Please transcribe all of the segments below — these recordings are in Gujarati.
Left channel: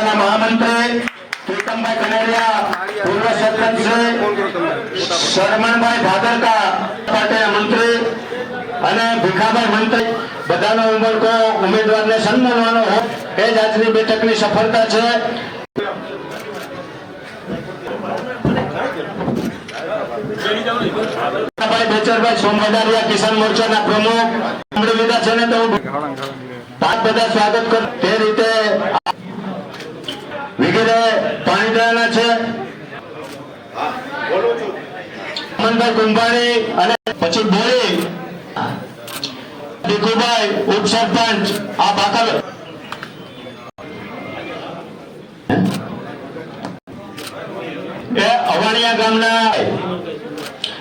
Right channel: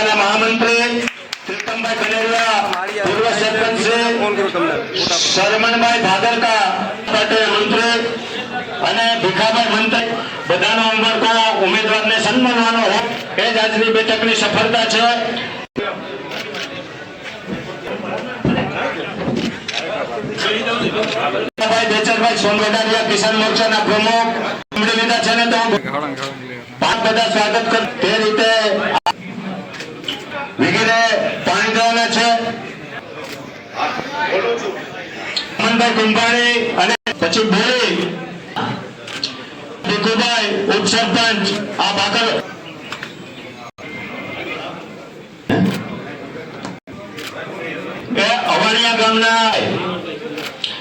કિસાન મહામંત્રી પ્રીતમભાઈ કનેરિયા પૂર્વ સરપંચ શ્રી શરમણભાઈ ભાદરકા પટેલ મંત્રી અને ભીખાભાઈ મંત્રી. બધાનો ઉમળકો ઉમેદવારને સન્માનવાનો એ જ આજની બેઠકની સફળતા છે. ભાઈ કિસાન મોરચાના પ્રમુખ સાંભળી લીધા છે ને તો હું ખાવડા ખાવડા લે બાપ બધા સ્વાગત કર તે રીતે વગેરે પાણી ગયેલા છે અમનભાઈ કુંભાણી અને પછી બોલી. ભીખુભાઈ ઉપસરપંચ આ બાકર એ અવાણિયા ગામના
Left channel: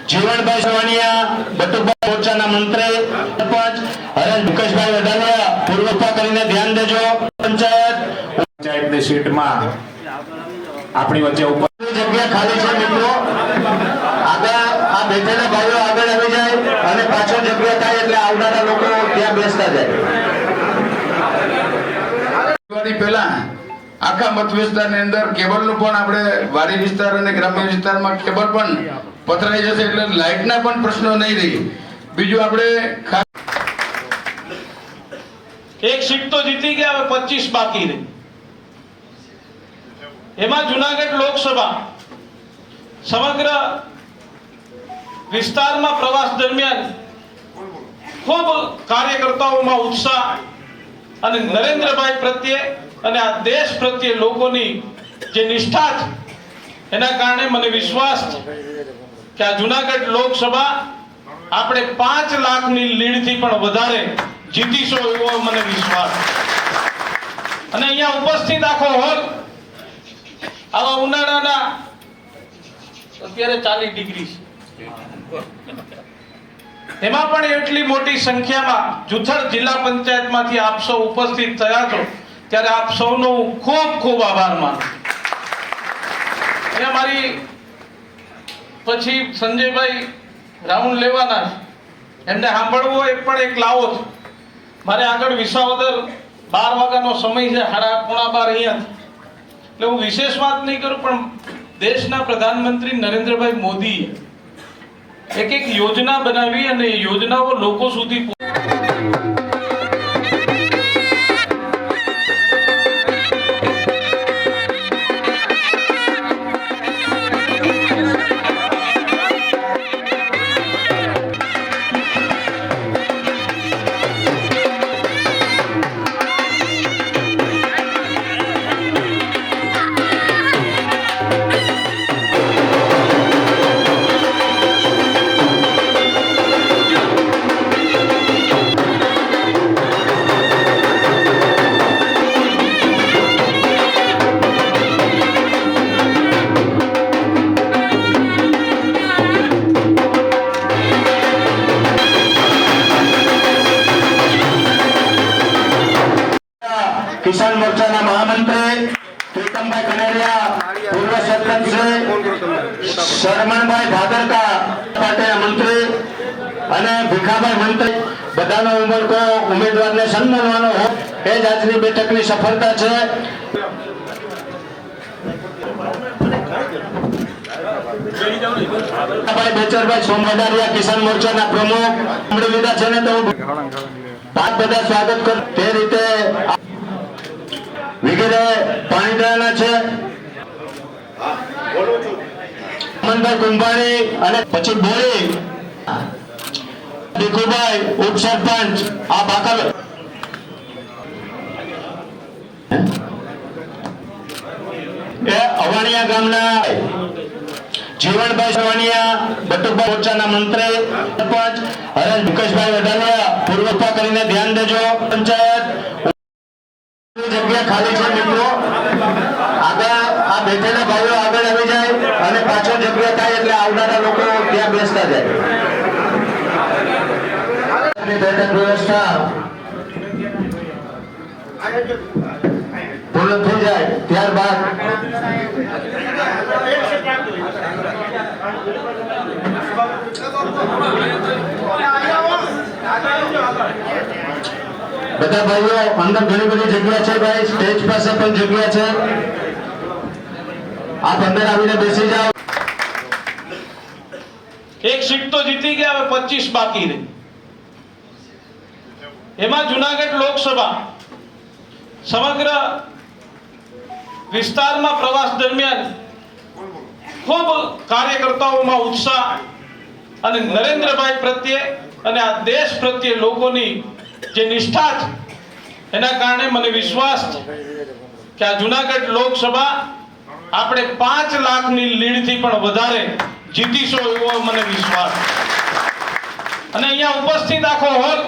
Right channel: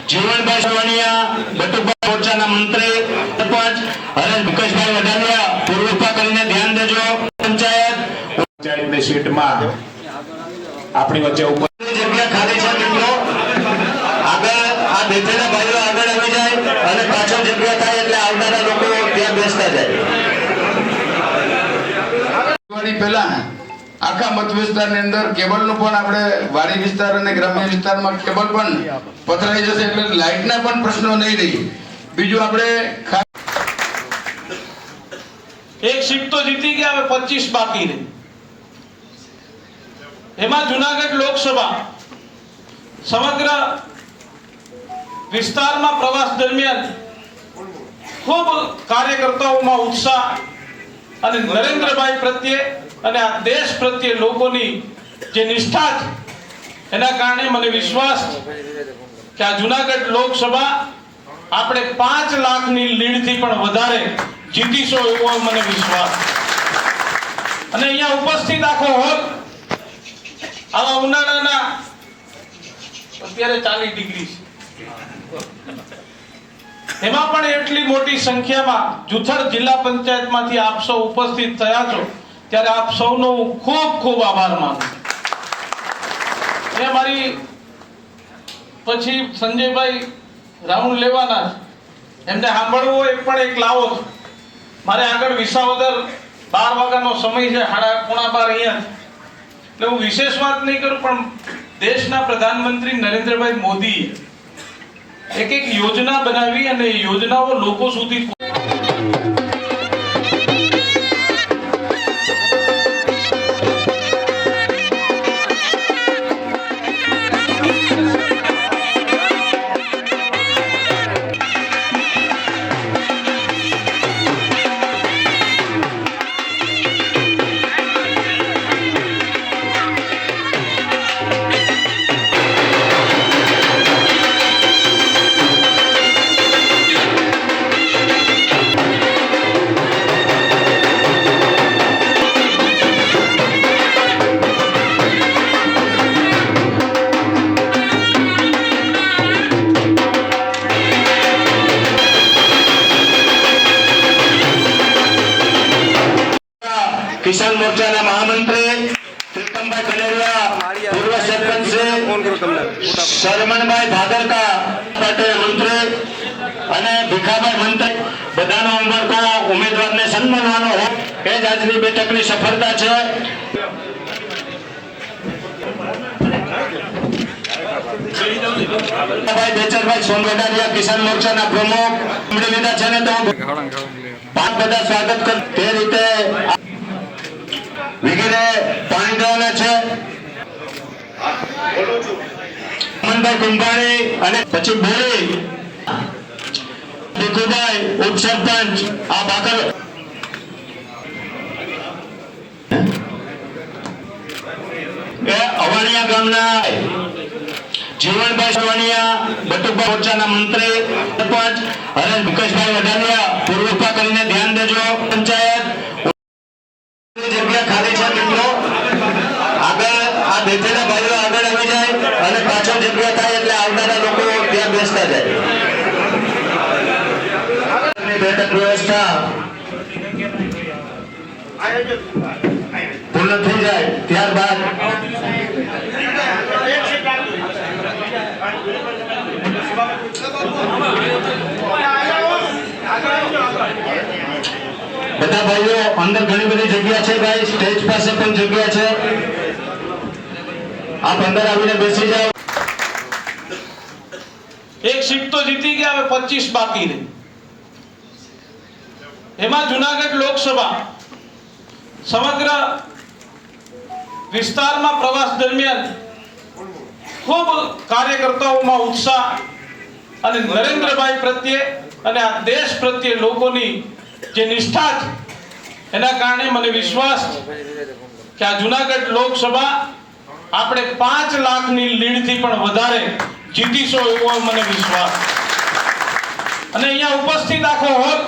જીવનભાઈ સવાણિયા બટુભાઈ મોરચાના મંત્રી સરપંચ હરેશ વડાલિયા પૂર્વપા કરીને ધ્યાન દેજો પંચાયત. પંચાયતની સીટમાં આપણી વચ્ચે ઉપર જગ્યા ખાલી છે. બેઠેલા ભાઈઓ આગળ આવી જાય અને પાછળ જગ્યા થાય એટલે આવનારા લોકો ત્યાં બેસતા જાય. પહેલા આખા મત વિસ્તારની અંદર કેબલનું પણ આપણે વાડી વિસ્તાર અને ગ્રામ્ય વિસ્તારમાં કેબલ પણ પથરાઈ જશે એટલે લાઇટના પણ પ્રશ્નો નહીં રહી. બીજું આપણે એક સીટ તો જીતી ગયા હવે પચીસ બાકી રહી. એમાં જુનાગઢ લોકસભા સમગ્ર વિસ્તારમાં પ્રવાસ દરમિયાન ખૂબ કાર્યકર્તાઓમાં ઉત્સાહ અને નરેન્દ્રભાઈ પ્રત્યે અને આ દેશ પ્રત્યે લોકોની જે નિષ્ઠા છે, એના કારણે મને વિશ્વાસ કે આ જુનાગઢ લોકસભા આપણે પાંચ લાખની લીડથી પણ વધારે જીતીશો એવો મને વિશ્વાસ અને અહીંયા ઉપસ્થિત આખો હોલ આવા ઉનાળાના અત્યારે ચાલીસ ડિગ્રી છે. એમાં પણ એટલી મોટી સંખ્યામાં જુથર જિલ્લા પંચાયતમાંથી આપ સૌ ઉપસ્થિત થયા છો, ત્યારે આપ સૌનો હું ખૂબ ખૂબ આભાર માનું છું. મારી પછી સંજયભાઈ રાઉન્ડ લેવાના એમને સાંભળવું હોય એ પણ એક લાવો છે મારે આગળ વિસાવદર બાર વાગ્યાનો સમય છે સાડા પોણા બાર અહીંયા એટલે હું વિશેષ વાત નહીં કરું, પણ દેશના પ્રધાનમંત્રી નરેન્દ્રભાઈ મોદી એક એક યોજના બનાવી અને યોજનાઓ લોકો સુધી કિસાન મોરચાના મહામંત્રી પ્રીતમભાઈ કનેરિયા પૂર્વ સરપંચ શ્રી ભાદરકા પટેલ મંત્રી અને ભીખાભાઈ મંત્રી. બધાનો ઉમળકો ઉમેદવારને સન્માનવાનો હોય. એ જ આજની બેઠકની સફળતા છે. ભાઈ બેચરભાઈ સોમવડારિયા કિસાન મોરચાના પ્રમુખ. છે ને તો? હું ખાવડા ખાવડા લે. બાપ બધા સ્વાગત કર તે રીતે વગેરે પાણી દેવાના છે. મનભાઈ કુંભાણી અને પછી બોલી ભીખુભાઈ ઉપસરપંચ, આ બાકર એ અવાણિયા ગામના જીવનભાઈ સવાણિયા, બટુભાઈ મોરચાના મંત્રી સરપંચ હરેશ વિકાસભાઈ વડાલિયા પૂર્વપા કરીને ધ્યાન દેજો પંચાયત જગ્યા ખાલી છે મિત્રો આગળ આ બેઠેલા ભાઈઓ આગળ આવી જાય અને પાછળ જગ્યા થાય એટલે આવનારા લોકો ત્યાં બેસતા જાય. બેઠક વ્યવસ્થા પૂર્ણ થઈ જાય ત્યારબાદ બધા ભાઈઓ અંદર ઘણી બધી જગ્યા છે ભાઈ. સ્ટેજ પાસે પણ જગ્યા છે. આપ અંદર આવીને બેસી જાઓ. એક સીટ તો જીતી ગયા, હવે પચીસ બાકી રહી. એમાં જુનાગઢ લોકસભા સમગ્ર વિસ્તારમાં પ્રવાસ દરમિયાન ખૂબ કાર્યકર્તાઓમાં ઉત્સાહ અને નરેન્દ્રભાઈ પ્રત્યે અને આ દેશ પ્રત્યે લોકોની જે નિષ્ઠા છે, એના કારણે મને વિશ્વાસ કે આ જુનાગઢ લોકસભા આપણે પાંચ લાખની લીડથી પણ વધારે જીતીશો એવો મને વિશ્વાસ અને અહીંયા ઉપસ્થિત આખો હોલ,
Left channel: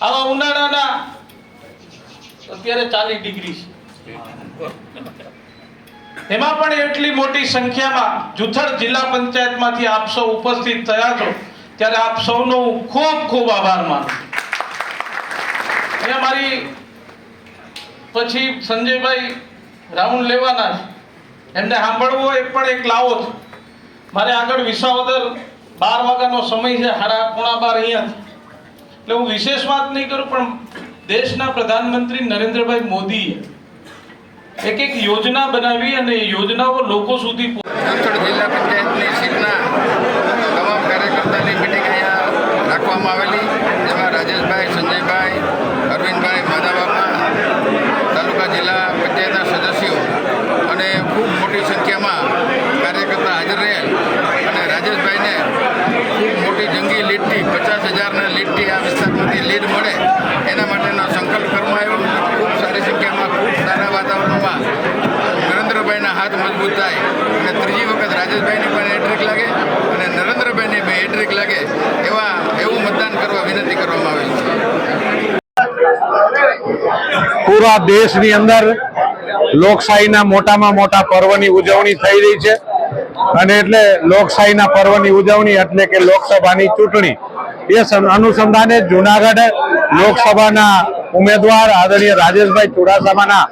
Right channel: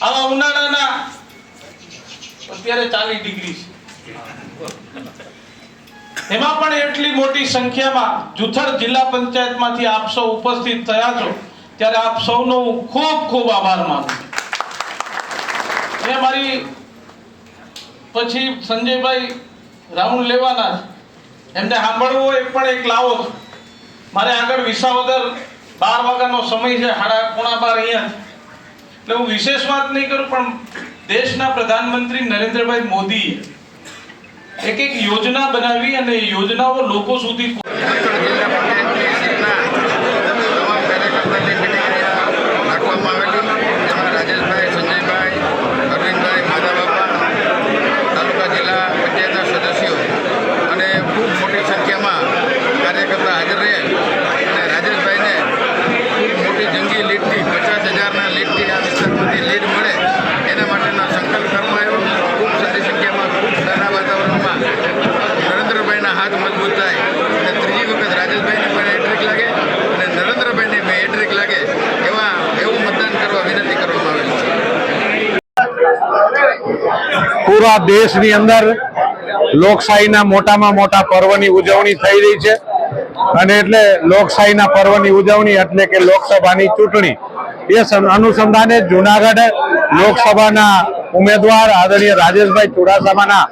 આવા ઉનાળાના અત્યારે ચાલીસ ડિગ્રી છે એમાં પણ એટલી મોટી સંખ્યામાં જુથડ જિલ્લા પંચાયતમાંથી આપ સૌ ઉપસ્થિત થયા છો, ત્યારે આપ સૌનો હું ખૂબ ખૂબ આભાર માનું. અને મારી પછી સંજયભાઈ રાઉન્ડ લેવાના એમને સાંભળવું હોય પણ એક લાવો છે. મારે આગળ વિસાવદર બાર વાગ્યાનો સમય છે સાડા પોણા બાર અહીંયા એટલે હું વિશેષ વાત નહીં કરું, પણ દેશના પ્રધાનમંત્રી નરેન્દ્રભાઈ મોદીએ એક એક યોજના બનાવી અને યોજનાઓ લોકો સુધી પહોંચ- રાખવામાં આવેલી જેમાં રાજેશભાઈ સંજયભાઈ અરવિંદભાઈ માધાબાપા તાલુકા જિલ્લા પંચાયતના સદસ્યો અને ખૂબ મોટી સંખ્યામાં કાર્યકર્તા હાજર રહ્યા અને રાજેશભાઈને ખૂબ મોટી જંગી લીડથી પચાસ હજારના લીડથી આ વિસ્તારમાંથી લીડ મળે એના માટેનો સંકલ્પ કરવામાં આવ્યો ખૂબ સારી સંખ્યામાં ખૂબ સારા વાતાવરણમાં નરેન્દ્રભાઈના હાથ મજબૂત થાય અને ત્રીજી વખત રાજેશભાઈને પણ હેટ્રિક લાગે અને નરેન્દ્રભાઈને પણ હેટ્રિક લાગે એવા એવું મતદાન કરવા વિનંતી કરવામાં આવેલ છે પૂરા દેશની અંદર લોકશાહીના મોટામાં મોટા પર્વની ઉજવણી થઈ રહી છે. અને એટલે લોકશાહીના પર્વની ઉજવણી એટલે કે લોકસભાની ચૂંટણી. એ અનુસંધાને જુનાગઢ લોકસભાના ઉમેદવાર આદરણીય રાજેશભાઈ ચુડાસમાના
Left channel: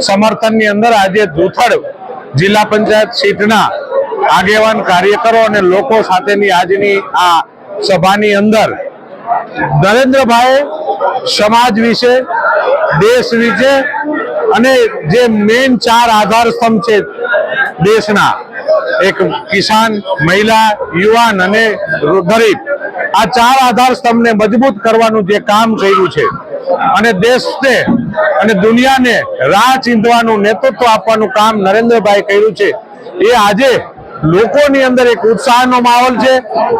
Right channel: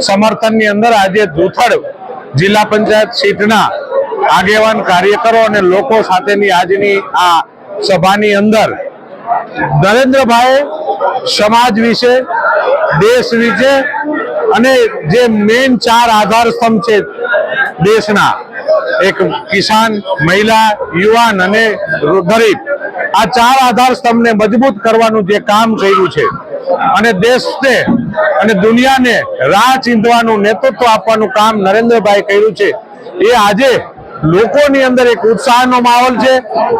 સમર્થનની અંદર આજે જૂથડ જિલ્લા પંચાયત સીટના આગેવાન કાર્યકરો અને લોકો સાથેની આજની આ સભાની અંદર નરેન્દ્રભાઈ સમાજ વિશે દેશ વિશે અને જે મેન ચાર આધાર સ્તંભ છે દેશના, એક કિસાન, મહિલા, યુવાન અને ગરીબ, આ ચાર આધાર સ્તંભને મજબૂત કરવાનું જે કામ કર્યું છે. અને દેશને અને દુનિયાને રાહ ચીંધવાનું નેતૃત્વ આપવાનું કામ નરેન્દ્રભાઈ કર્યું છે. એ આજે લોકોની અંદર એક ઉત્સાહનો માહોલ છે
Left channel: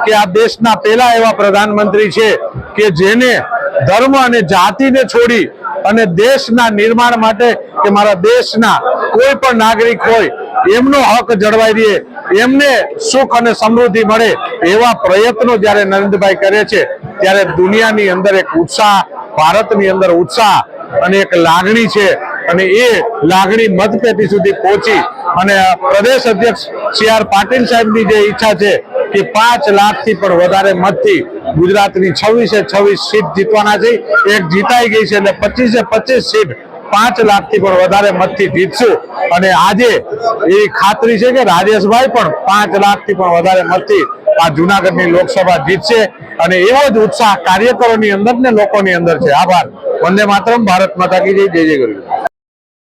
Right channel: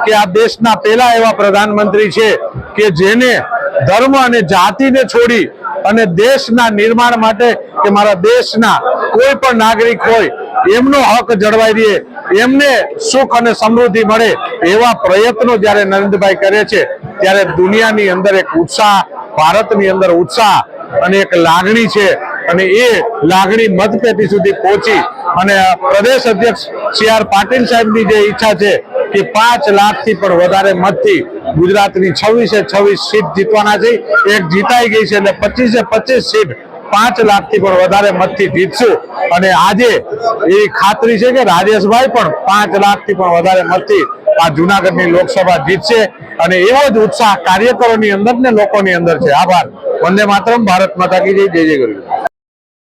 કે આ દેશના પહેલા એવા પ્રધાનમંત્રી છે કે જેને ધર્મ અને જાતિને છોડી અને દેશના નિર્માણ માટે કે મારા દેશના કોઈ પણ નાગરિક હોય, એમનો હક જળવાઈ રહે, એમને સુખ અને સમૃદ્ધિ મળે એવા પ્રયત્નો જ્યારે નરેન્દ્રભાઈ કરે છે, ત્યારે દુનિયાની અંદર એક ઉત્સાહ, ભારતની અંદર ઉત્સાહ અને એક લાગણી છે. અને એ લાગણી મતપેટી સુધી પહોંચી. અને પ્રદેશ અધ્યક્ષ સી આર પાટીલ સાહેબની જે ઈચ્છા છે કે પાંચ લાખથી પણ વધારે મતથી ગુજરાતની છવ્વીસે છવ્વીસ સીટ જીતવાના છે. એક જીતાઈ ગઈ છે એટલે પચીસે પચીસ સીટ પાંચ લાખથી પણ વધારે મતથી જીતશું. અને આજે એ ખાતરી છે કે રાજેશભાઈ પણ પાંચ લાખથી પણ વધારે મતથી આ જુનાગઢની લોકસભા જીતશે. અને એવો જ ઉત્સાહ કાર્યકરોની અંદર ને લોકોની અંદર છે. આભાર. વંદે માતરમ. ભારત માતા કી જય. જય ગરવી